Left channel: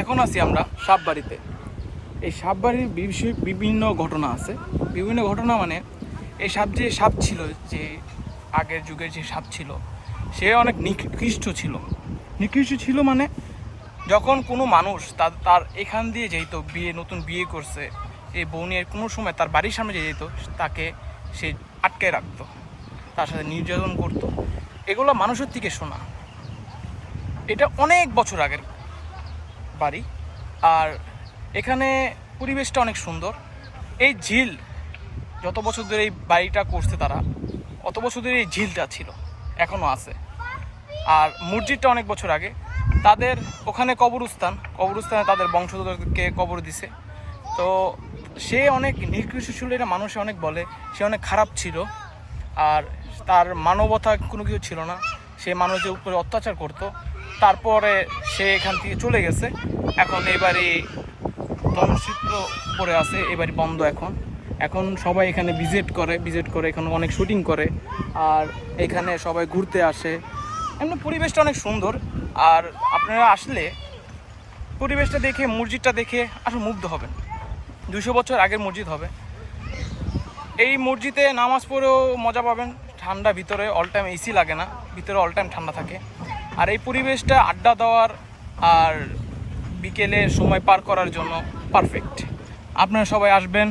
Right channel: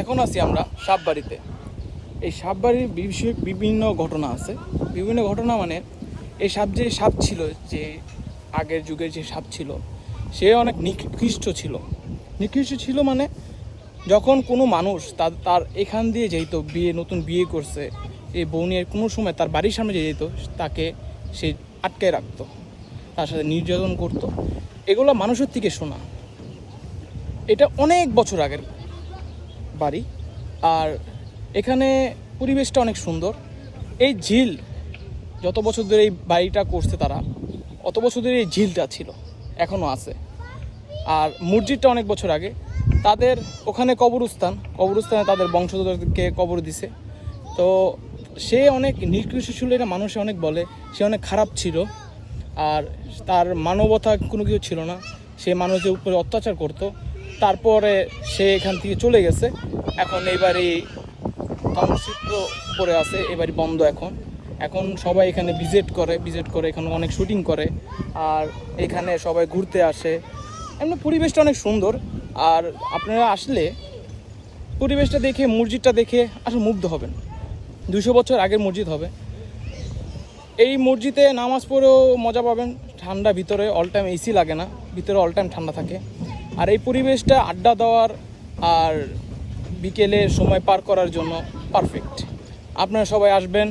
এখন আছি আমরা সাপবাড়িতে। এই সাপবাড়ির বিভিন্ন ঘটনা আছে। বিভিন্ন ঘটনা মানে এই সাপ ছিল, যে আগের যুগের যে সাপ ছিল সে অনেক নিকৃষ্ট ছিল মানে যখন কোনো মানুষ তার এখান দিয়ে যেত, নতুন বিয়ে করছে, এই বউ নিয়ে কোনো সময় তার বাড়ির সামনে যে যেত তাকে সে আটকে রাখতো, তার সাথে নির্যাতন করতো। এগুলো মানুষের থেকে শোনা। এটা অনেক বছর আগের বাড়ি। আর এখানে পরিবেশটা অনেক সুন্দর। এই ঝিল যত বছর ধরে এই বাড়িটা করছে তারা, অত বছর ধরে এই ঝিলটা ছিল, এখনও আছে। আর মসজিদটা অনেক বছর আগে তাদের ওখানে কবরস্থানে তাদের বংশধরকে কবর দিছে। তো সে অনেক নিকৃষ্ট ছিল, এটা মানুষে অনেক বলে। সে অনেক খারাপ ছিল, আর তার মানবতা কোনো কিছু ছিল না। সে মানুষের উপরে অত্যাচার করতো। তারপরে সে এখান থেকে চলে গেছে। এখন এই বাড়ি ধ্বংসচিত্র পড়ে আছে, এই বাড়ি বন্ধ। এখন সবাই এখানে ভিজিট করে এখানে অনেক শুটিং করে, আর এখানে সবাই ঘুরতে আসে। এমনি পরিবেশটা অনেক সুন্দর। আর আপনারা আসলে পরিবেশটা দেখে, মসজিদটা দেখে আসলে মুগ্ধ হবেন। 200 বছর আগের মসজিদ হবে। এই মসজিদে নামাজ পড়েও মজা পাবেন। ঠান্ডা, ভিতরে অল টাইম এসি লাগে না, ভিতরে অল টাইম ঠান্ডা থাকে। আর এই পরিবেশটা আড্ডা দেওয়ার আর বিকেলে সময় পার করার জন্য পারফেক্ট। আপনারা সবাই আসবেন।